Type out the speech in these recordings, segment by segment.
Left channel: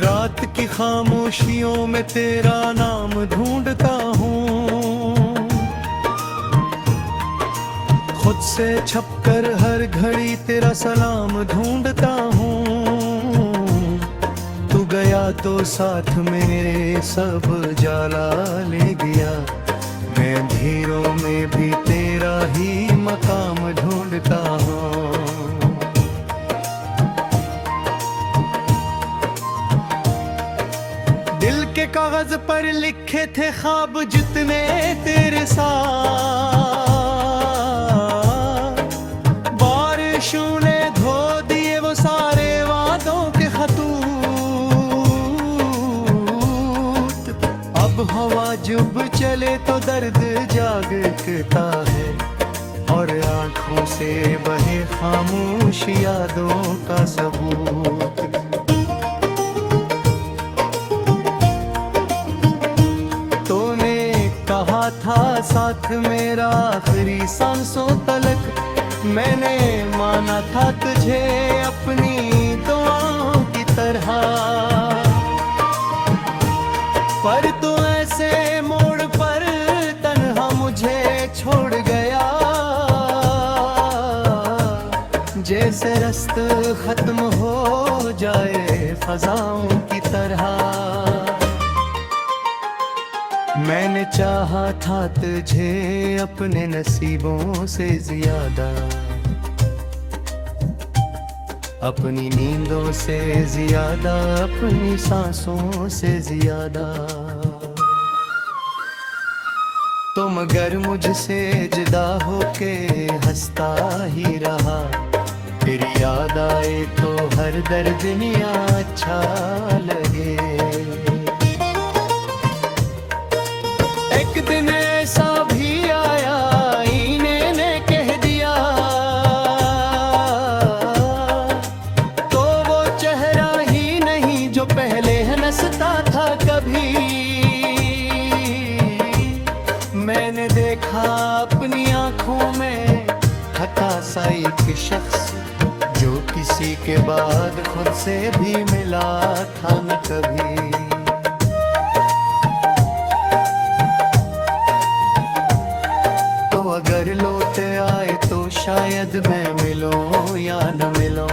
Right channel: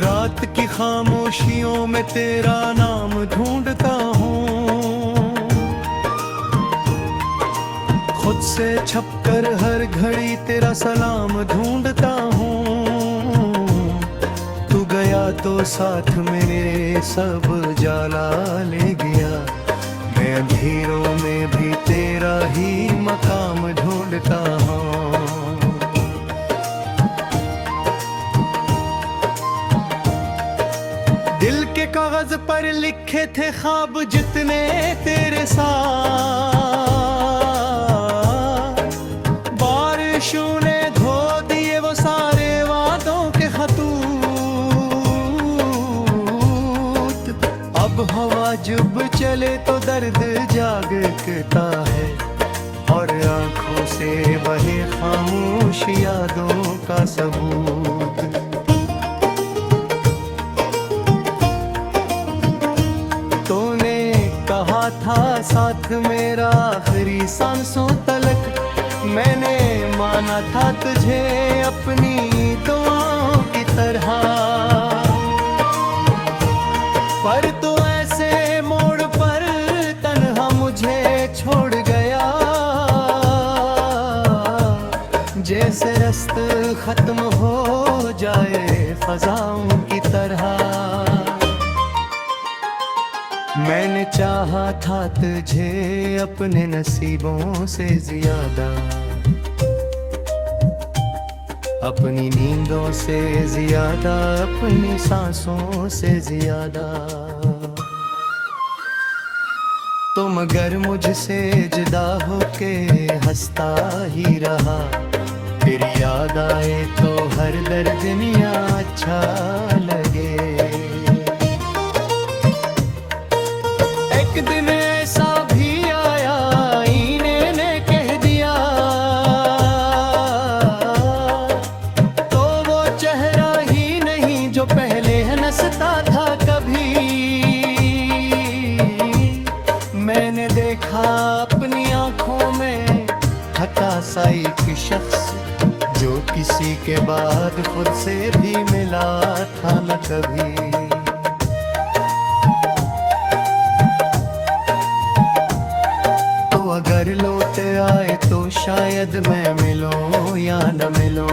रात की खामोशियों में तेरा नाम ढूंढता हूँ, खुद से छपकर हर घड़ी तेरा सलाम ढूंढता हूँ। तू गया तो साथ मेरे सब जाला ले गया, मैं अंधेरों में भी तेरा ही मकाम ढूंढता हूँ। दिल के कागज पर लिखे थे ख्वाब जितने तेरे साथ, बारिशों ने धो दिए वो सारे वादों के खतूत। अब हवा जब चले तो दर्द जागता है, और आंखों से बहे खामोश यादों का सबूत। कहा था साथ मेरा आखिरी सांसों तलक, मैंने माना था तुझे अपनी दुआओं की तरह, पर तू ऐसे मोड़ पर तन्हा मुझे छोड़ गया, जैसे रास्ता खत्म हो जाए फजाओं की तरह। मैंने चाहा था तुझे अपने नसीबों से ज्यादा, अपनी नींदों से ज्यादा, अपनी सांसों से ज्यादा। तो मगर मुझसे जुदा होके हंसता ही रहा, फिर याद आए तो हर दर्द दुनिया अच्छा लगे। एक दिन ऐसा भी आया आईने ने कह दिया, तो वो चेहरा ही नहीं जो पहले हंसता था कभी। मैंने देखा अपनी आंखों में थका सा एक शख्स, जो किसी के बाद खुद से भी मिला था न कभी। अगर लौट आए तो शायद मैं मिलूं या न मिलूं,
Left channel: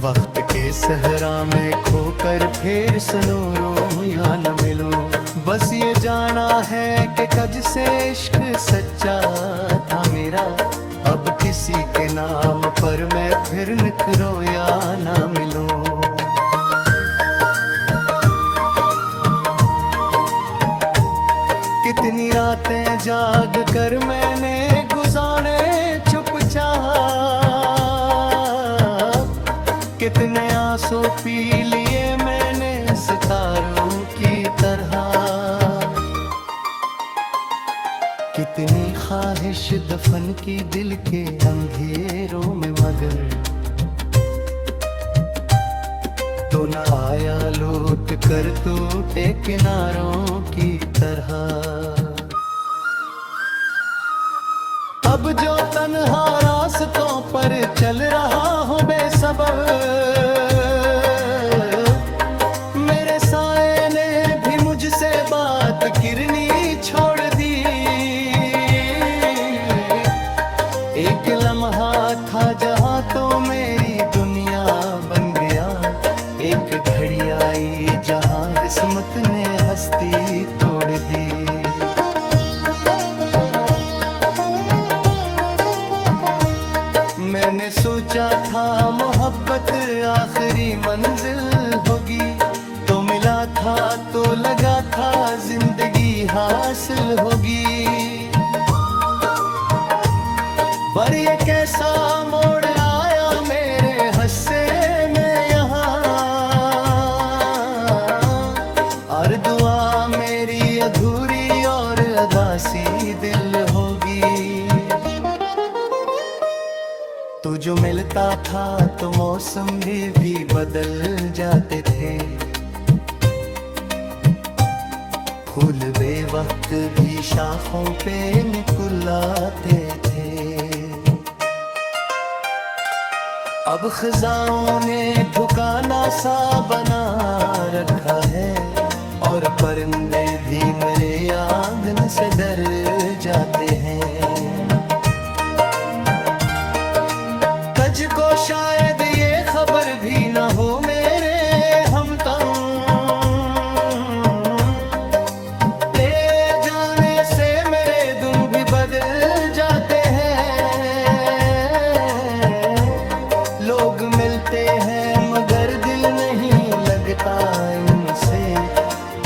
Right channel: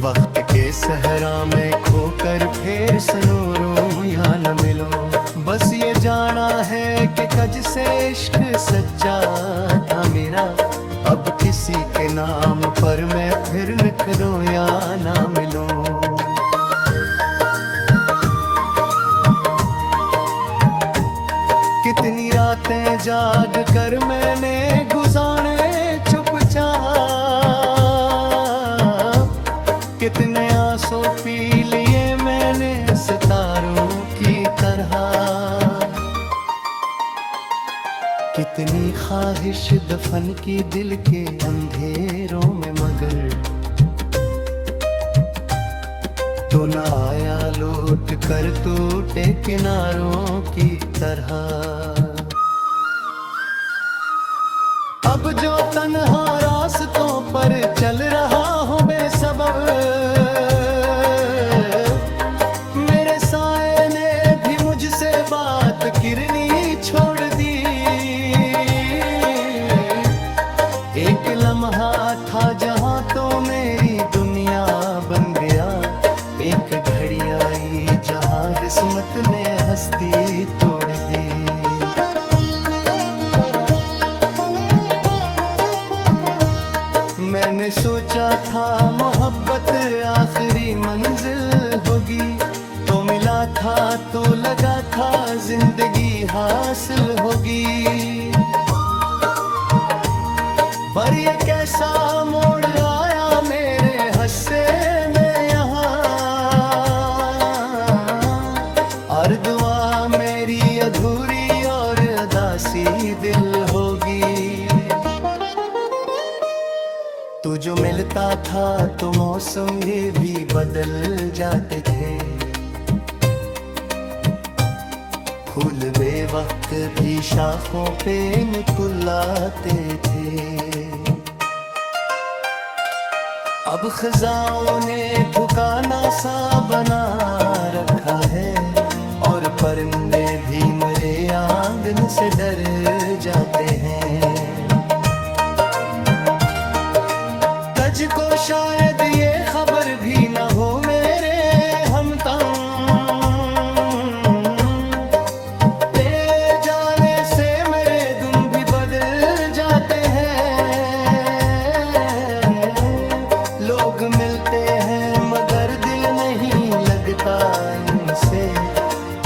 वक्त के सहरा में खोकर फिर सुनूं या न मिलूं। बस ये जाना है कि कज से इश्क सच्चा था मेरा, अब किसी के नाम पर मैं फिर निखरूं या न मिलूं। कितनी रातें जाग कर मैंने गुजारे चुपचाप, कितने आंसू पी लिए मैंने सितारों की तरह। कितनी ख्वाहिश दफन की दिल के अंधेरों में, मगर तो न आया लौट कर टूटे किनारों की तरह। अब जो तन्हा रास्तों पर चल रहा हूँ बेसबब, मेरे साए ने भी मुझसे बात करनी छोड़ दी। एक लम्हा था जहाँ तो मेरी दुनिया बन गया, एक घड़ी आई जहाँ किस्मत ने हस्ती तोड़ दी। मैंने सोचा था मोहब्बत आखिरी मंजिल होगी, तो मिला था तो लगा था जिंदगी हासिल होगी। पर ये कैसा मोड़ आया मेरे हस्से में यहाँ, हर दुआ मेरी अधूरी और अदासी दिल होगी। तू जो मिलता था तो मौसम भी बदल जाते थे, फूल बेवक्त भी शाखों पे निकुलाते थे। अब खजाओं ने ठिकाना सा बना रखा है, और परिंदे भी मेरे आंगन से डर जाते हैं। कज को शायद ये खबर भी न हो मेरे हम ले जाने से मेरे दिन भी बदल जाते हैं। लोग मिलते हैं मगर दिल नहीं लगता इनसे,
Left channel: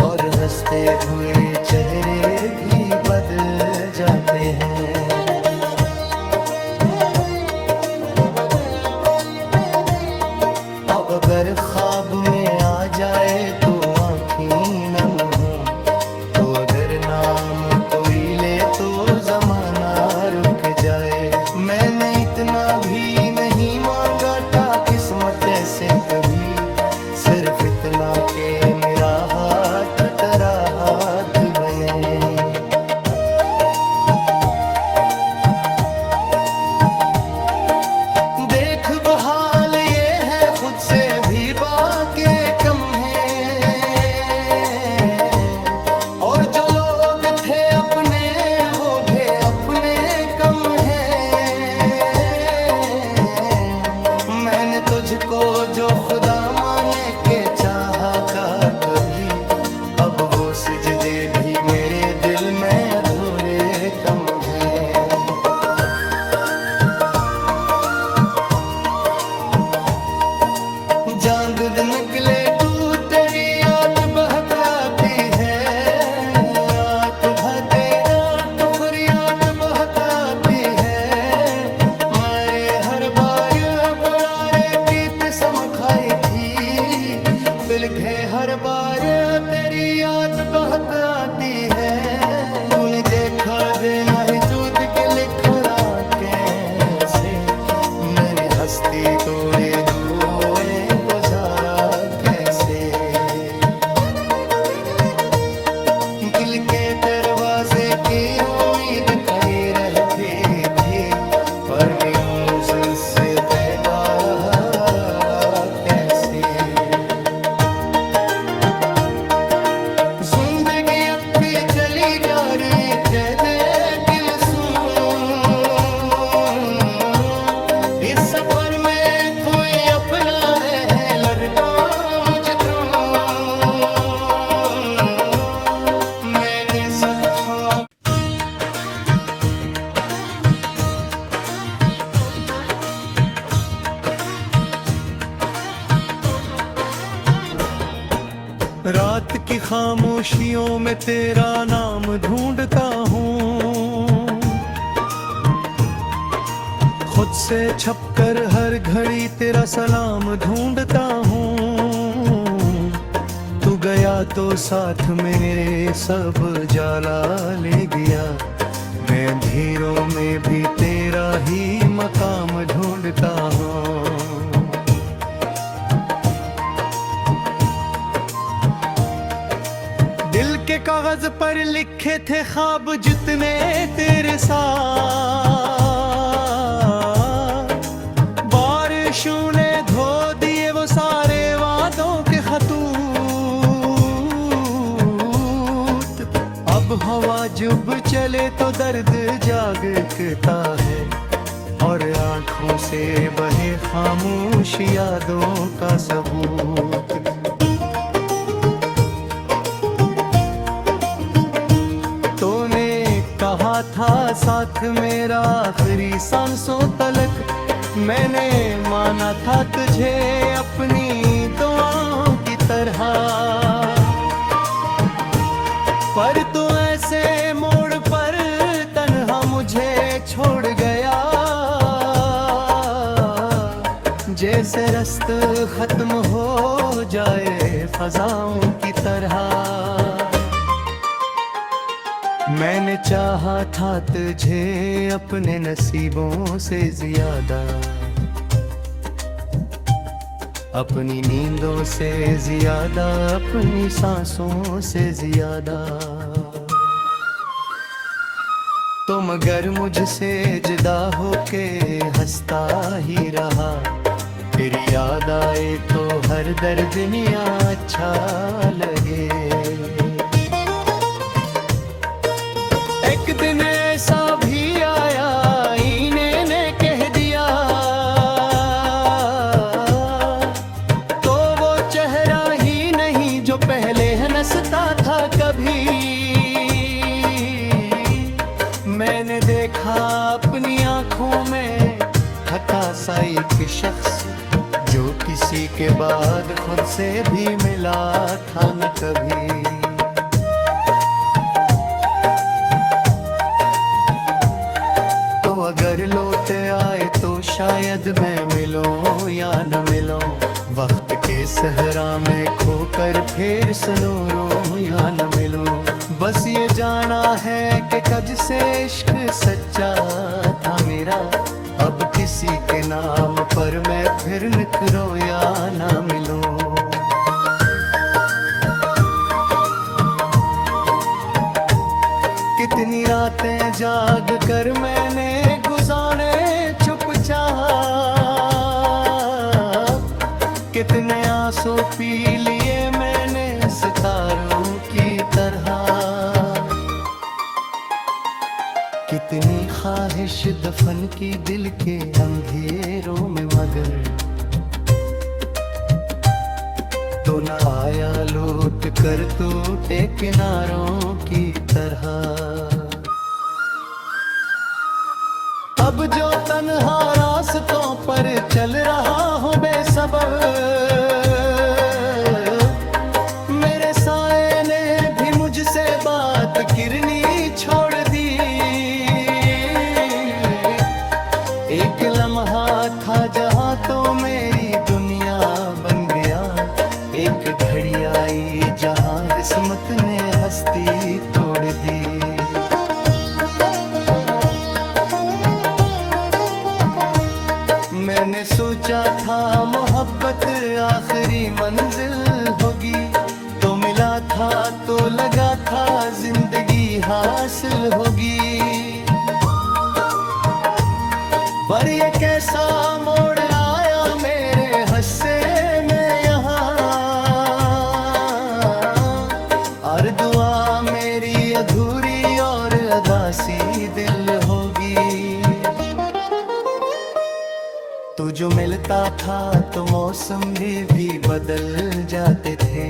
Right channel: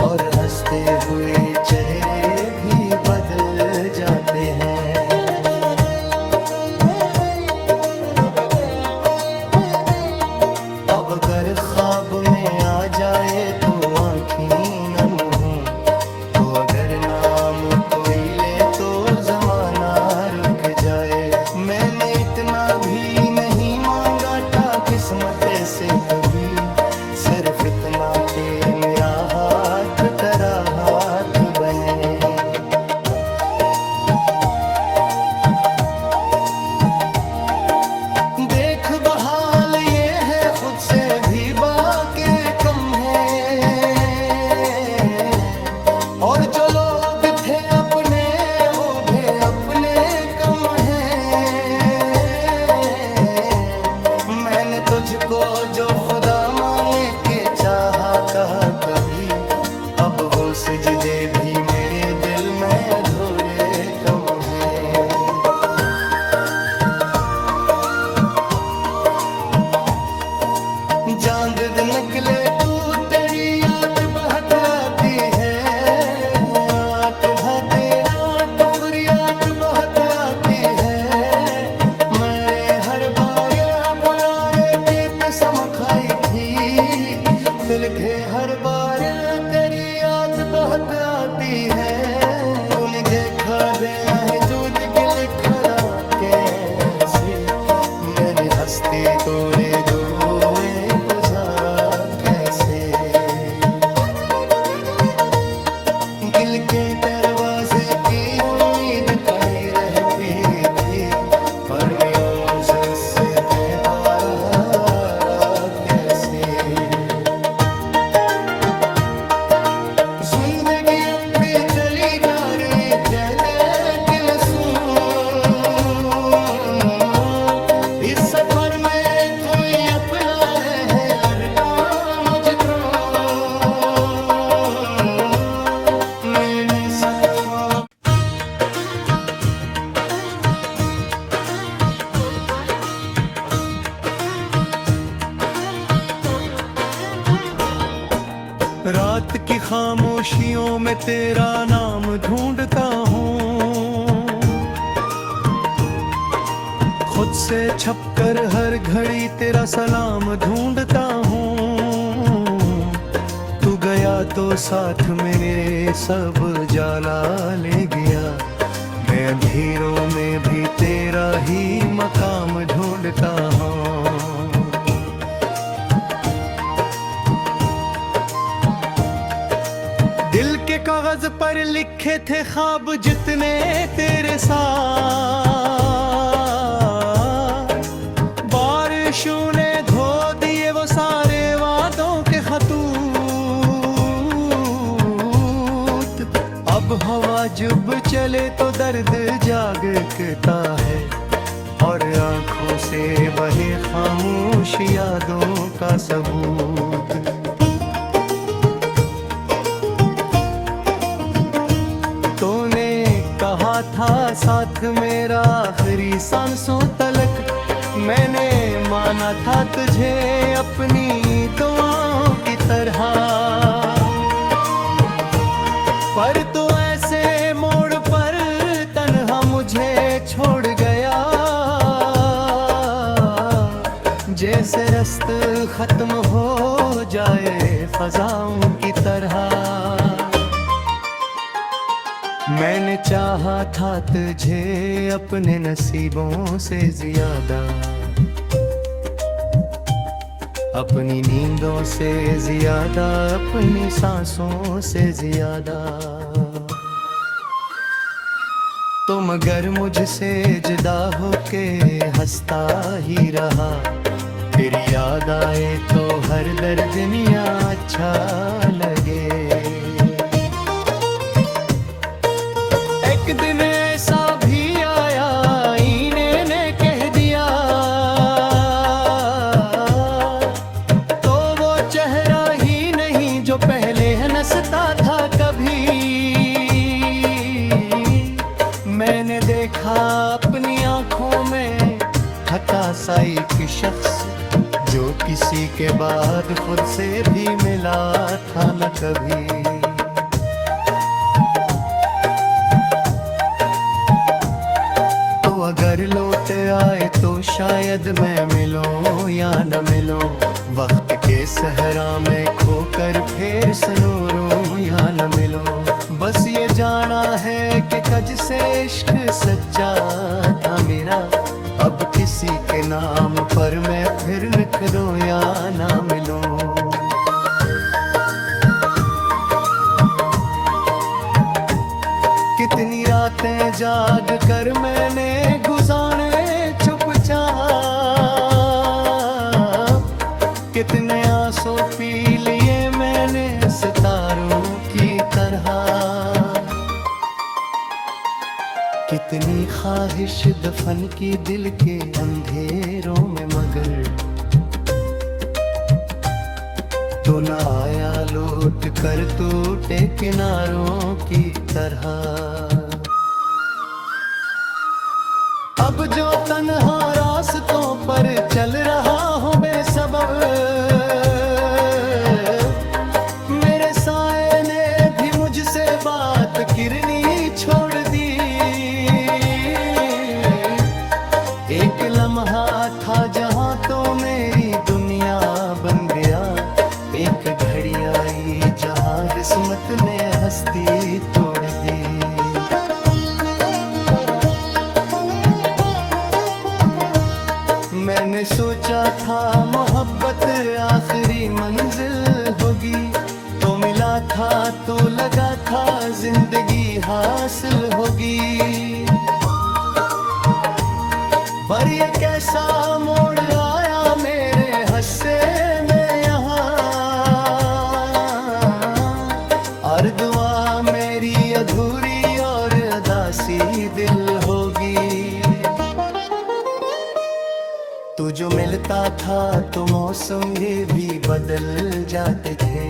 और हंसते हुए चेहरे भी बदल जाते हैं। अगर ख्वाब में आ जाए तो आँखें नम हो, तो अगर नाम कोई ले तो जमाना रुक जाए। मैंने इतना भी नहीं मांगा था किस्मत से कभी, सिर्फ इतना के मेरा हाथ तेरा हाथ बने। देख बहाल ये है खुद से भी बाके कम है, और जो लोग थे अपने वो भी अपने कम है। मैंने तुझको जो खुदा माने के चाहा का कभी, अब वो सिजदे भी मेरे दिल में अधूरे कम है। चांद दिन निकले तू तेरी याद बहुत आती है, रात भाते रात फरियाद बहुत आती है। मेरे हर बार बुलारे की कसम खाई थी, फिलके हर बार तेरी याद बहुत आती है। तूने देखा देना है दूध के लिखरा कैसे, मैंने हस्ती तोड़े दुए गुजारा कैसे। दिल के दरवाजे की उम्मीद खड़ी रहती थी, पर न्यूज़ उससे पैदा रहा कैसे। जिंदगी अब भी चली जा रही जैसे कि मैं सुनूं, इस सफर में कोई अपना है लड़का मुझ तो। मैंने सच्चा रात की खामोशियों में तेरा नाम ढूंढता हूँ, खुद से छपकर हर घड़ी तेरा सलाम ढूंढता हूँ। तू गया तो साथ में मेरे सब जाला ले गया, मैं अंधेरों में भी तेरा ही मकाम ढूंढता हूँ। दिल के कागज पर लिखे थे ख्वाब जितने तेरे साथ, बारिशों ने धो दिए वो सारे वादों के खतूत। अब हवा जब चले तो दर्द जागता है, और आंखों से बहे खामोश यादों का सबूत। कहा था साथ मेरा आखिरी सांसों तलक, मैंने माना था तुझे अपनी दुआओं की तरह। पर तू ऐसे मोड़ पर तन्हा मुझे छोड़ गया, जैसे रास्ता खत्म हो जाए फजाओं की तरह। मैंने चाहा था तुझे अपने नसीबों से ज्यादा, अपनी नींदों से ज्यादा, अपनी सांसों से ज्यादा। तो मगर मुझसे जुदा होके हंसता ही रहा, फिर याद आए तो हर दर्द दुनिया अच्छा लगे। एक दिन ऐसा भी आया आईने ने कह दिया, तो वो चेहरा ही नहीं जो पहले हंसता था कभी। मैंने देखा अपनी आंखों में हटा सा एक शख्स, जो किसी के बाद खुद से भी मिला था न कभी। तो अगर लौट आए तो शायद मैं मिलूं या न मिलूं, वक्त के सहरा में खोकर फिर सुनूं या न मिलूं। बस ये जाना है कि कज से इश्क सच्चा था मेरा, अब किसी के नाम पर मैं फिर निखरूं या ना मिलूं। कितनी रातें जाग कर मैंने गुजारे चुपचाप, कितने आंसू पी लिए मैंने सितारों की तरह। कितनी ख्वाहिश दफन की दिल के अंधेरों में, मगर तो न आया लौट कर टूटे किनारों की तरह। अब जो तन्हा रास्तों पर चल रहा हूँ बेसबब, मेरे साए ने भी मुझसे बात करनी छोड़ दी। एक लम्हा था जहाँ तो मेरी दुनिया बन गया, एक घड़ी आई जहाँ किस्मत ने हस्ती तोड़ दी। मैंने सोचा था मोहब्बत आखिरी मंजिल होगी, तो मिला था तो लगा था जिंदगी हासिल होगी। पर ये कैसा मोड़ आया मेरे हस्से में यहाँ, हर दुआ मेरी अधूरी और अदासी दिल होगी। तू जो मिलता था तो मौसम भी बदल जाते थे,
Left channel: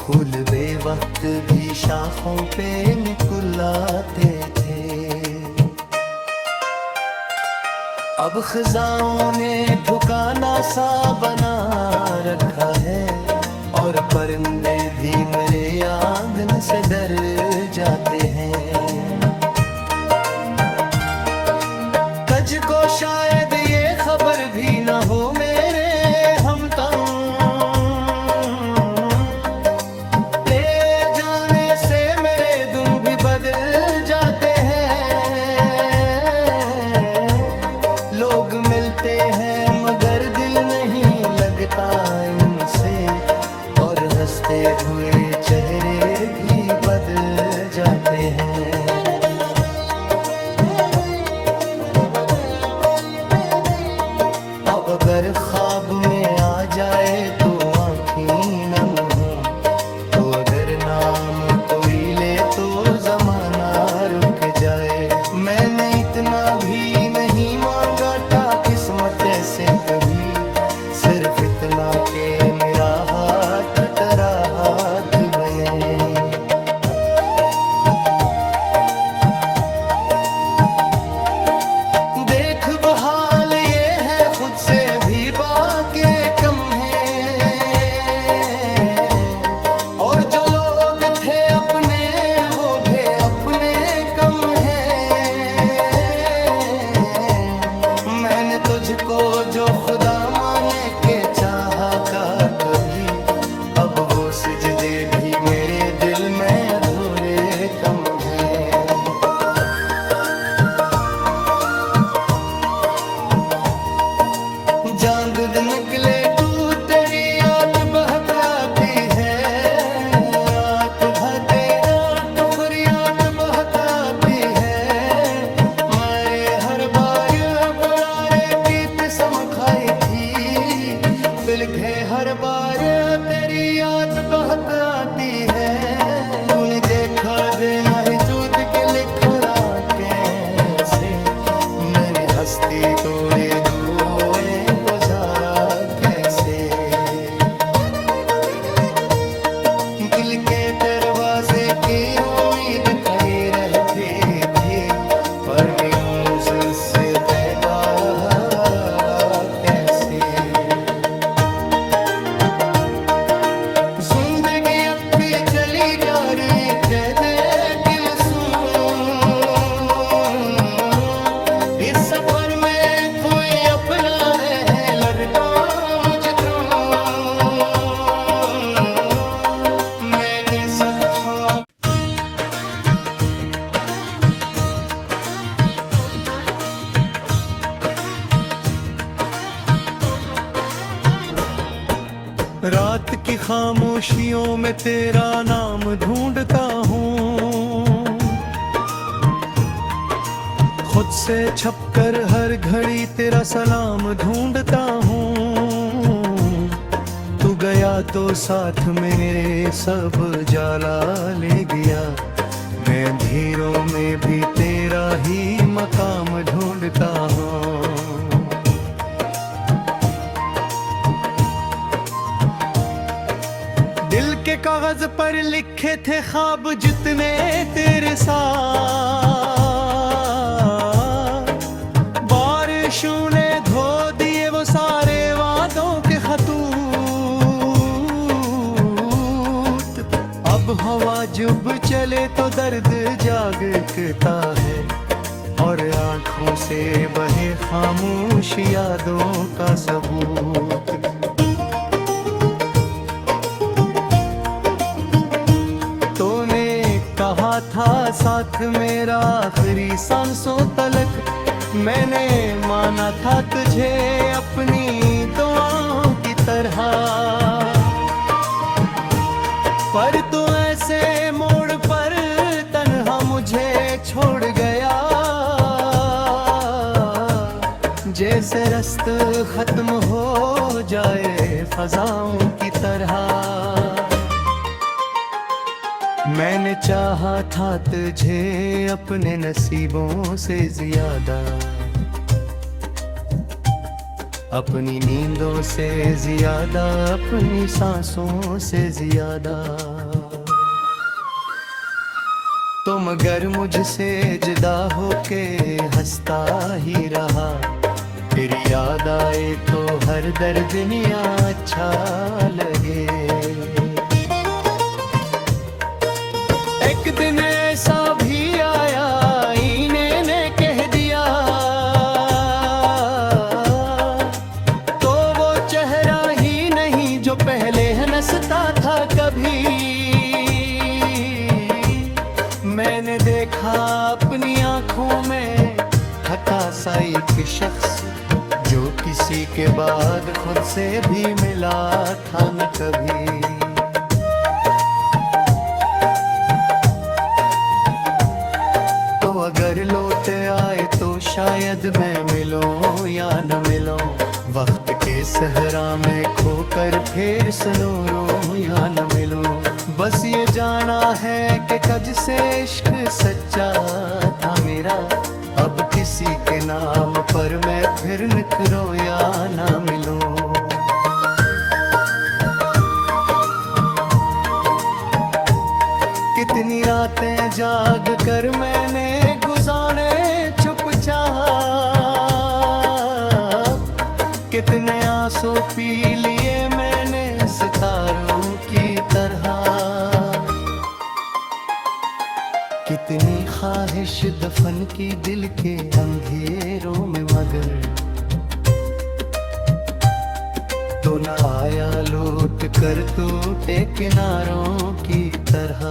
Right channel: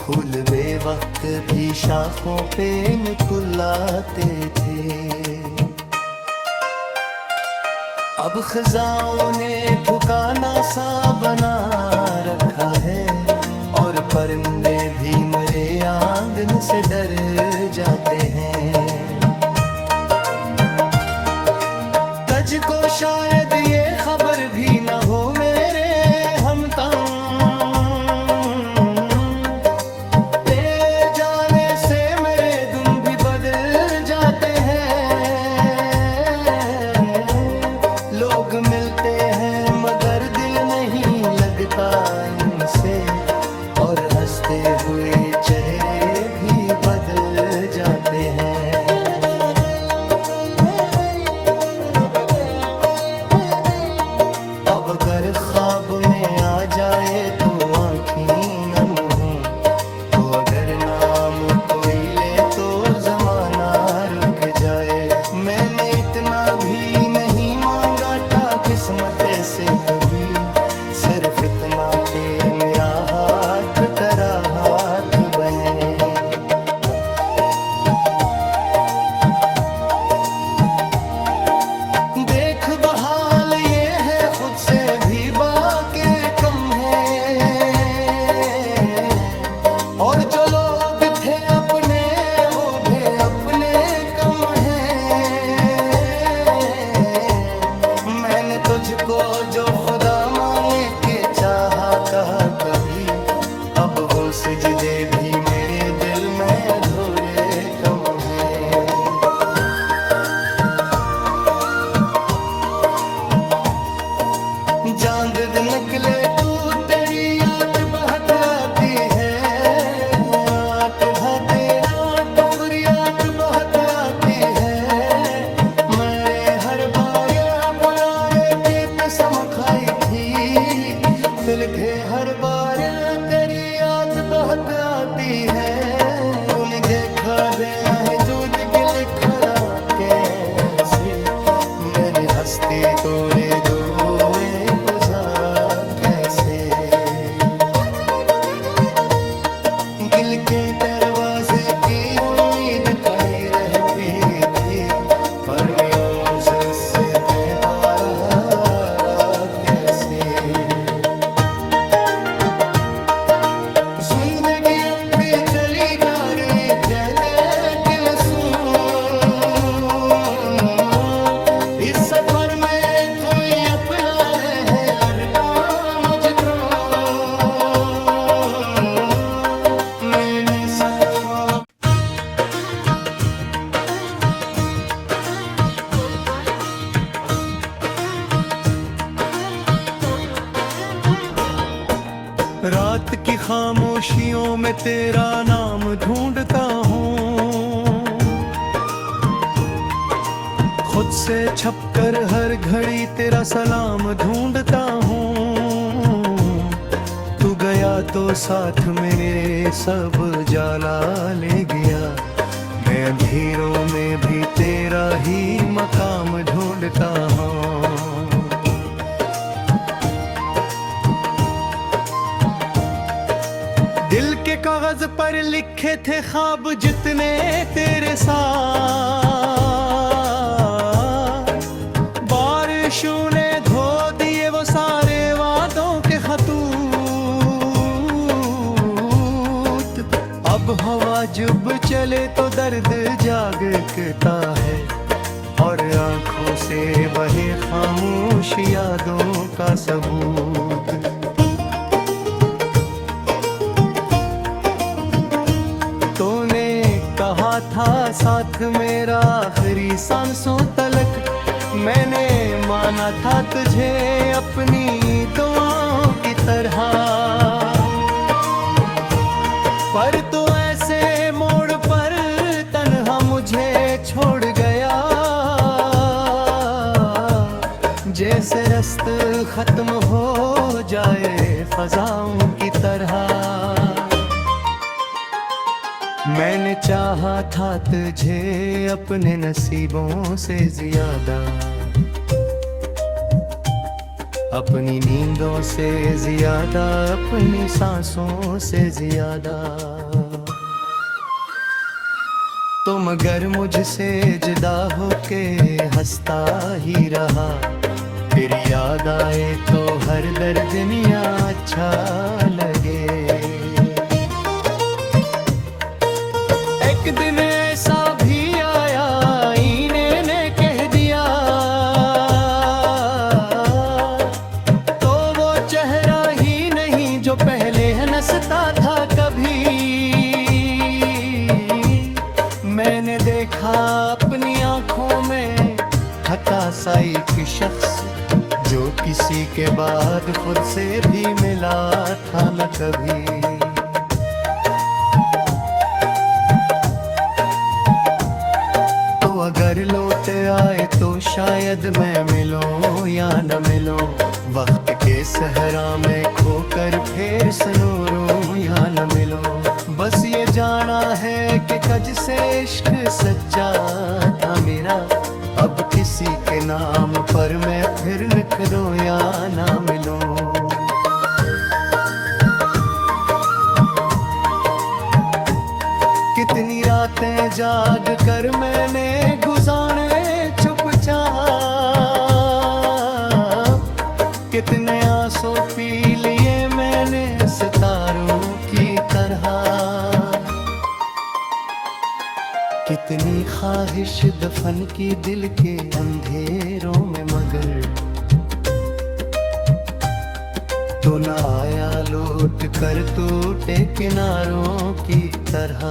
फूल बेवक्त भी शाखों पे निकुलाते थे। अब खजाओं ने ठिकाना सा बना रखा है, और परिंदे भी मेरे आंगन से डर जाते हैं। कज को शायद ये खबर भी न हो मेरे हमदम, ले जाने से मेरे दिन भी बदल जाते हैं। लोग मिलते हैं मगर दिल नहीं लगता इनसे, और हंसते हुए चेहरे भी बदल जाते हैं। अब अगर ख्वाब में आ जाए तो आँखें नम हो, तो अगर नाम कोई ले तो जमाना रुक जाए। मैंने इतना भी नहीं मांगा था किस्मत से कभी, सिर्फ इतना के मेरा हाथ तेरा हाथ बने। देख बहाल ये है खुद से भी बाके कम है, और जो लोग थे अपने वो भी अपने कम है। मैंने तुझको जो खुदा माने के चाहा का कभी, अब वो सिजदे भी मेरे दिल में अधूरे कम हैं। जान दे निकले तू तेरी याद बहुत आती है, रात भाते रात फरियाद बहुत आती है। मेरे हर बार बुला हर बार तेरी याद बहुत आती है, तूने देखा देना है दूध के लिखरा कैसे, मैंने हस्ती तोड़े दुए गुजारा कैसे। दिल के दरवाजे की उम्मीद खड़ी रहती थी, पर न्यूज़ उससे पैदा रहा कैसे। जिंदगी अब भी चली जा रही है कि मैं सुनूं, इस सफर में कोई अपना है लड़का मुझ तो, मैंने सच्चा रात की खामोशियों में तेरा नाम ढूंढता हूँ, खुद से छपकर हर घड़ी तेरा सलाम ढूंढता हूँ। तू गया तो साथ मेरे सब जाला ले गया, मैं अंधेरों में भी तेरा ही मकाम ढूंढता हूँ। दिल के कागज पर लिखे थे ख्वाब जितने तेरे साथ, बारिशों ने धो दिए वो सारे वादों के खतूत। अब हवा जब चले तो दर्द जागता है, और आंखों से बहे खामोश यादों का सबूत। कहा था साथ मेरा आखिरी सांसों तलक, मैंने माना था तुझे अपनी दुआओं की तरह, पर तू ऐसे मोड़ पर तन्हा मुझे छोड़ गया, जैसे रास्ता खत्म हो जाए फजाओं की तरह। मैंने चाहा था तुझे अपने नसीबों से ज्यादा, अपनी नींदों से ज्यादा, अपनी सांसों से ज्यादा। तो मगर मुझसे जुदा होके हंसता ही रहा, फिर याद आए तो हर दर्द दुनिया अच्छा लगे। एक दिन ऐसा भी आया आईने ने कह दिया, तो वो चेहरा ही नहीं जो पहले हंसता था कभी। मैंने देखा अपनी आंखों में थका सा एक शख्स, जो किसी के बाद खुद से भी मिला था न कभी। अगर लौट आए तो शायद मैं मिलूं या न मिलूं, वक्त के सहरा में खोकर फिर सुनूं या न मिलूं। बस ये जाना है कि कज से इश्क सच्चा था मेरा, अब किसी के नाम पर मैं फिर निखरूं या न मिलूं। कितनी रातें जाग कर मैंने गुजारे चुपचाप, कितने आंसू पी लिए मैंने सितारों की तरह, कितनी ख्वाहिश दफन की दिल के अंधेरों में, मगर तो न आया लौट कर टूटे किनारों की तरह।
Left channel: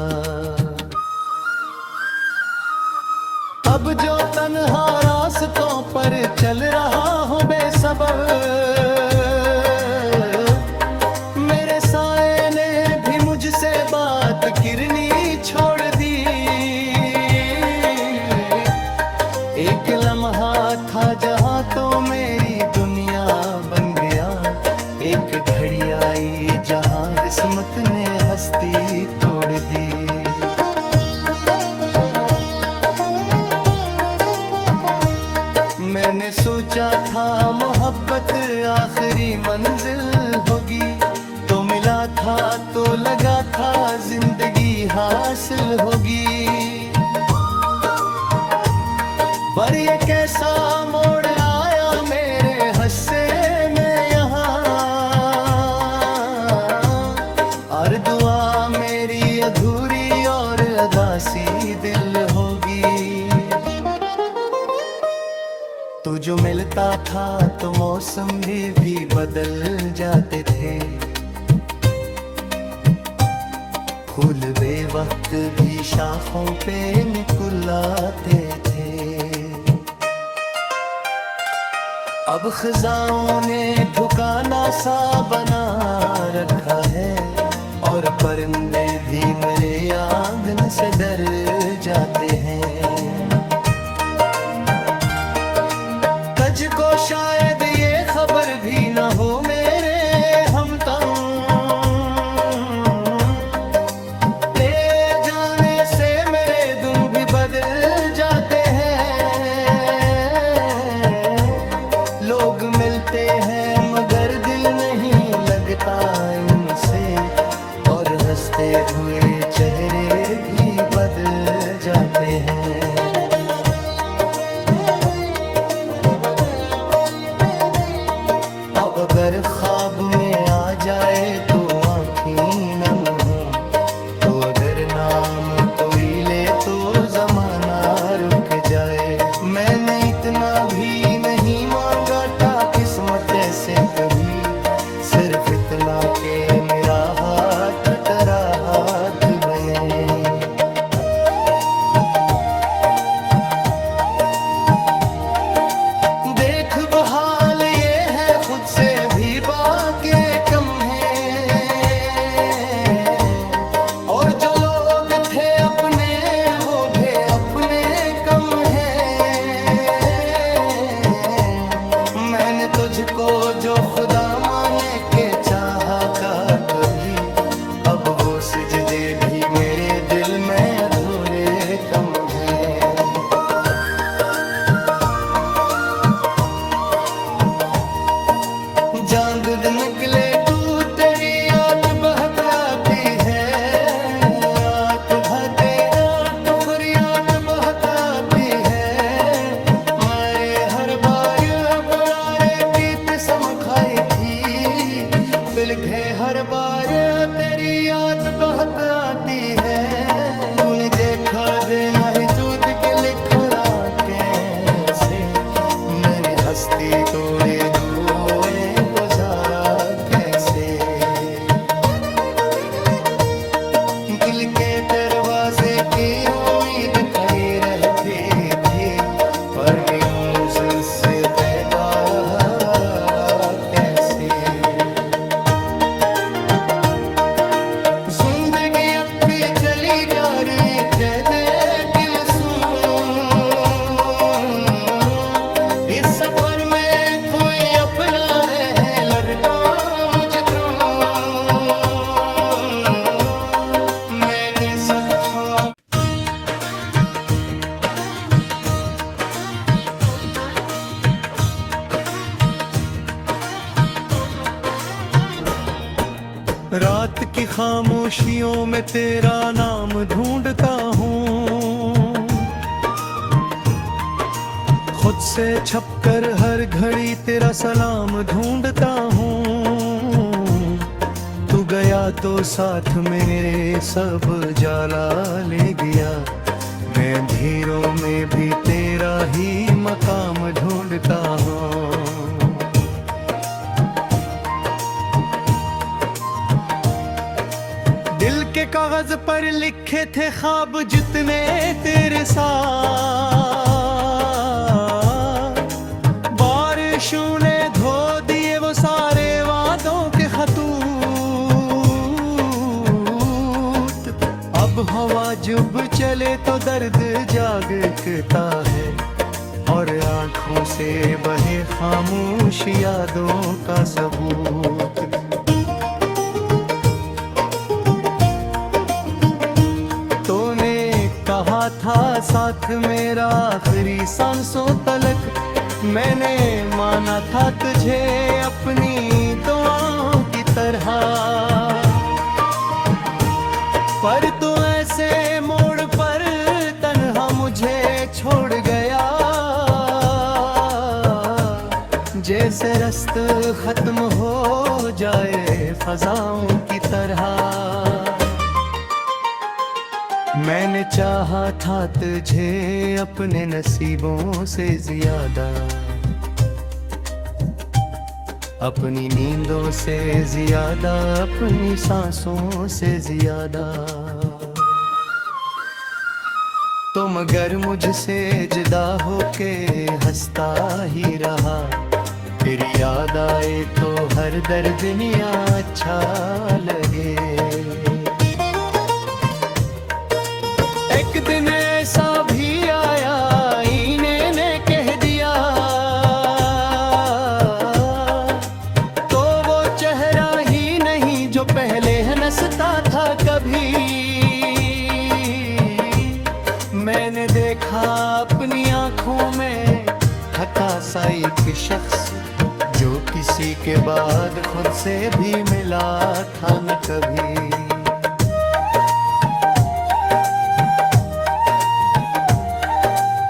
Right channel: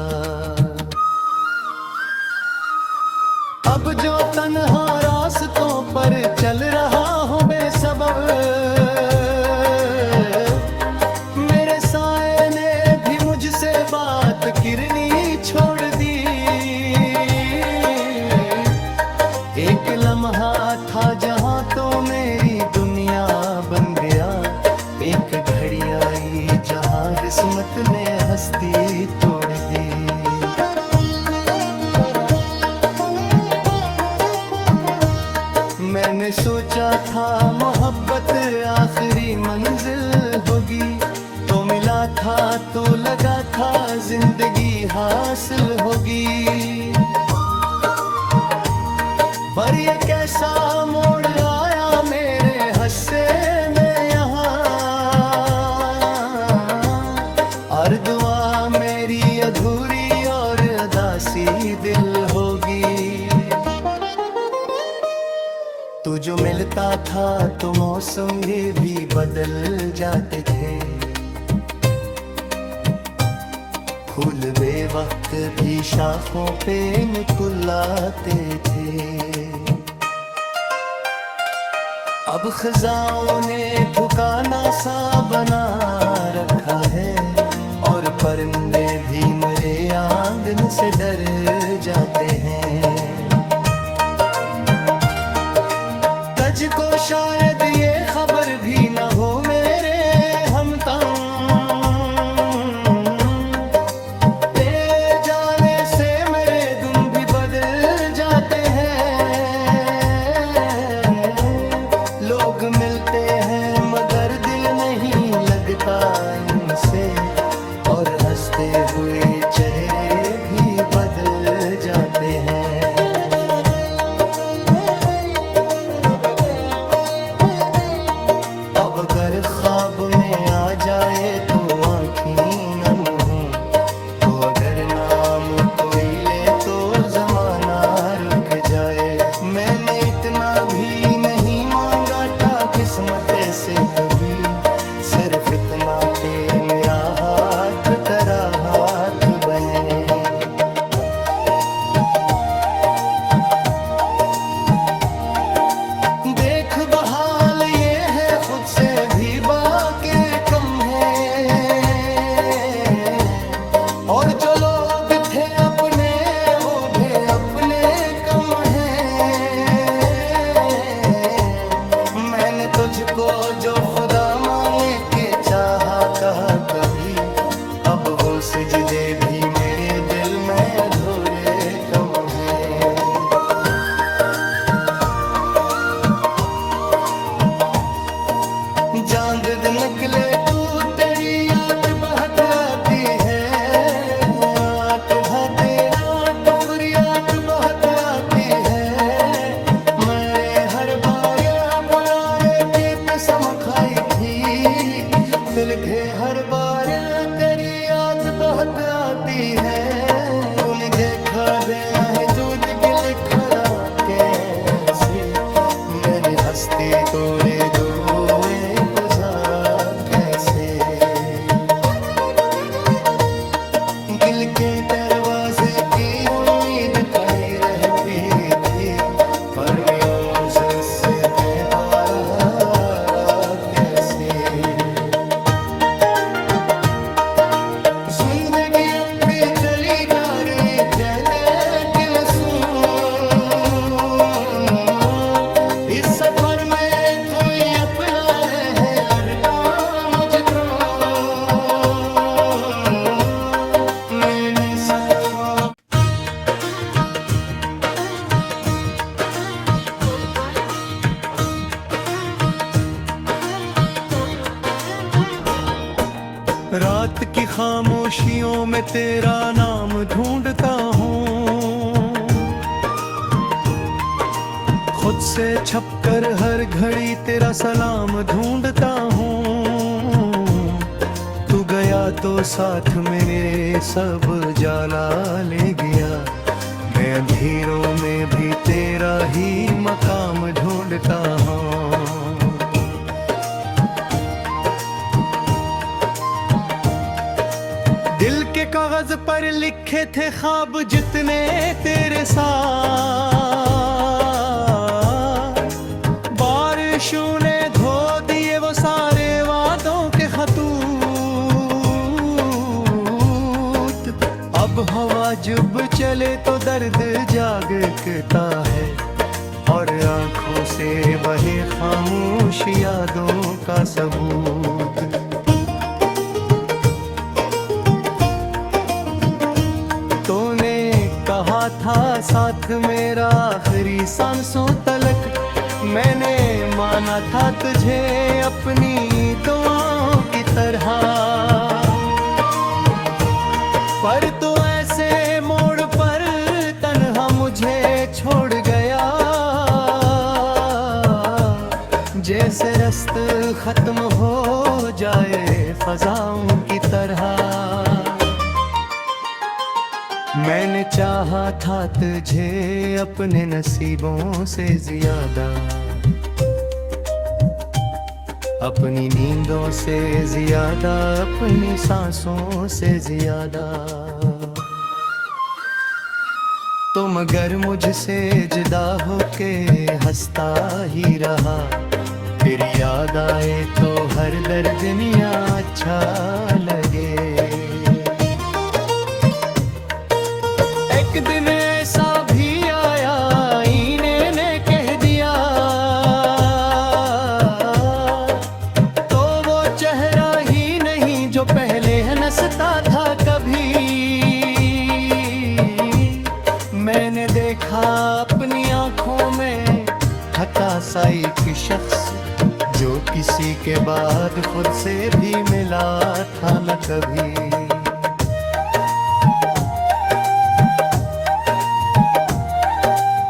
अब जो तन्हा रास्तों पर चल रहा हूँ बेसबब, मेरे साए ने भी मुझसे बात करनी छोड़ दी। एक लम्हा था जहाँ तो मेरी दुनिया बन गया, एक एक घड़ी आई जहां किस्मत ने हस्ती तोड़ दी। मैंने सोचा था मोहब्बत आखिरी मंजिल होगी, तो मिला था तो लगा था जिंदगी हासिल होगी। पर ये कैसा मोड़ आया मेरे हस्से में यहाँ, हर दुआ मेरी अधूरी और अदासी दिल होगी। तू जो मिलता था तो मौसम भी बदल जाते थे, फूल बेवक्त भी शाखों पे मुस्कुराते थे। अब खजाओं ने ठिकाना सा बना रखा है, और परिंदे भी मेरे आंगन से डर जाते हैं। तुझको शायद ये खबर भी न हो मेरे हमदम, तेरे जाने से मेरे दिन भी बदल जाते हैं। लोग मिलते हैं मगर दिल नहीं लगता इनसे, और हंसते हुए चेहरे भी बदल जाते हैं। अगर ख्वाब में आ जाए तो आँखें नम हो, तो अगर नाम कोई ले तो जमाना रुक जाए। मैंने इतना भी नहीं मांगा था किस्मत से कभी, सिर्फ इतना कि मेरा हाथ तेरा हाथ बने। देख बहाल ये है खुद से भी बाके कम है, और जो लोग थे अपने वो भी अपने कम है। मैंने तुझको जो खुदा माने के चाहा का कभी, अब वो सिजदे भी मेरे दिल में अधूरे कम है। चांद निकले तू तेरी याद बहुत आती है, रात भाते रात फरियाद बहुत आती है। मेरे हर बार बुलारे की कसम खाई थी, फिलके हर बार तेरी याद बहुत आती है। तूने देखा देना है जूद के लिखरा कैसे, मैंने हस्ती तोड़े दुए गुजारा कैसे। दिल के दरवाजे की उम्मीद खड़ी रहती थी, पर न्यूज़ उससे पैदा रहा कैसे। जिंदगी अब भी चली जा रही है कि मैं सुनूं, इस सफर में कोई अपना रहे लड़का मुझको। मैंने सच्चा रात की खामोशियों में तेरा नाम ढूंढता हूँ, खुद से छपकर हर घड़ी तेरा सलाम ढूंढता हूँ। तू गया तो साथ में मेरे सब जाला ले गया, मैं अंधेरों में भी तेरा ही मकाम ढूंढता हूँ। दिल के कागज पर लिखे थे ख्वाब जितने तेरे साथ, बारिशों ने धो दिए वो सारे वादों के खतूत। अब हवा जब चले तो दर्द जागता है, और आंखों से बहे खामोश यादों का सबूत। तूने कहा था साथ मेरा आखिरी सांसों तलक, मैंने माना था तुझे अपनी दुआओं की तरह, पर तू ऐसे मोड़ पर तन्हा मुझे छोड़ गया, जैसे रास्ता खत्म हो जाए फजाओं की तरह। मैंने चाहा था तुझे अपने नसीबों से ज्यादा, अपनी नींदों से ज्यादा, अपनी सांसों से ज्यादा। तो मगर मुझसे जुदा होके हंसता ही रहा, फिर याद आए तो हर दर्द दुनिया अच्छा लगे। एक दिन ऐसा भी आया आईने ने कह दिया, तो वो चेहरा ही नहीं जो पहले हंसता था कभी। मैंने देखा अपनी आंखों में थका सा एक शख्स, जो किसी के बाद खुद से भी मिला था न कभी।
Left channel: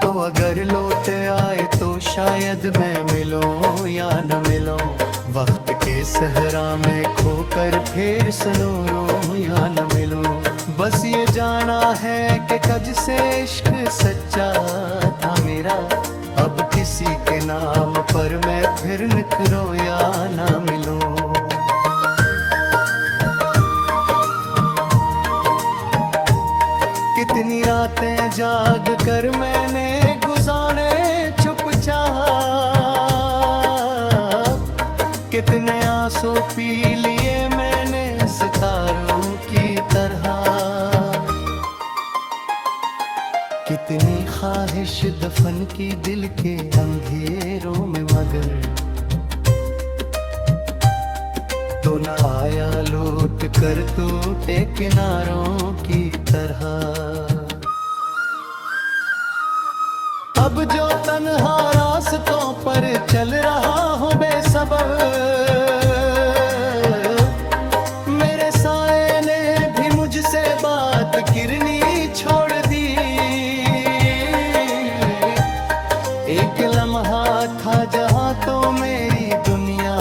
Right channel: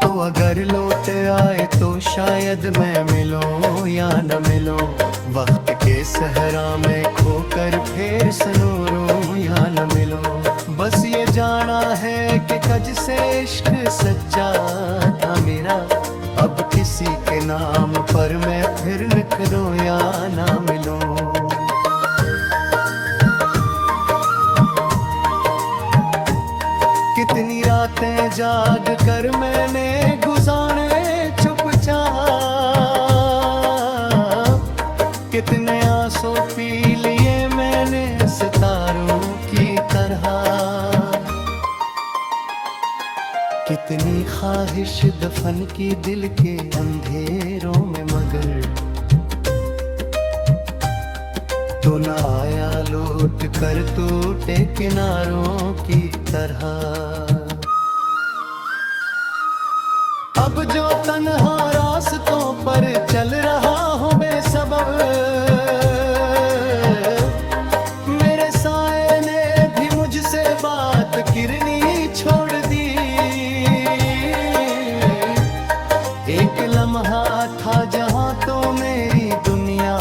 तो अगर लौट आए तो शायद मैं मिलूं या न मिलूं, वक्त के सहरा में खोकर फिर सुनूं या न मिलूं। बस ये जाना है कि कज से इश्क सच्चा था मेरा, अब किसी के नाम पर मैं फिर निखरूं या ना मिलूं। कितनी रातें जाग कर मैंने गुजारे चुपचाप, कितने आंसू पी लिए मैंने सितारों की तरह, कितनी ख्वाहिश दफन की दिल के अंधेरों में, मगर तो न आया लौट कर टूटे किनारों की तरह। अब जो तन्हा रास्तों पर चल रहा हूँ बेसबब, मेरे साए ने भी मुझसे बात करनी छोड़ दी। एक लम्हा था जहाँ तो मेरी दुनिया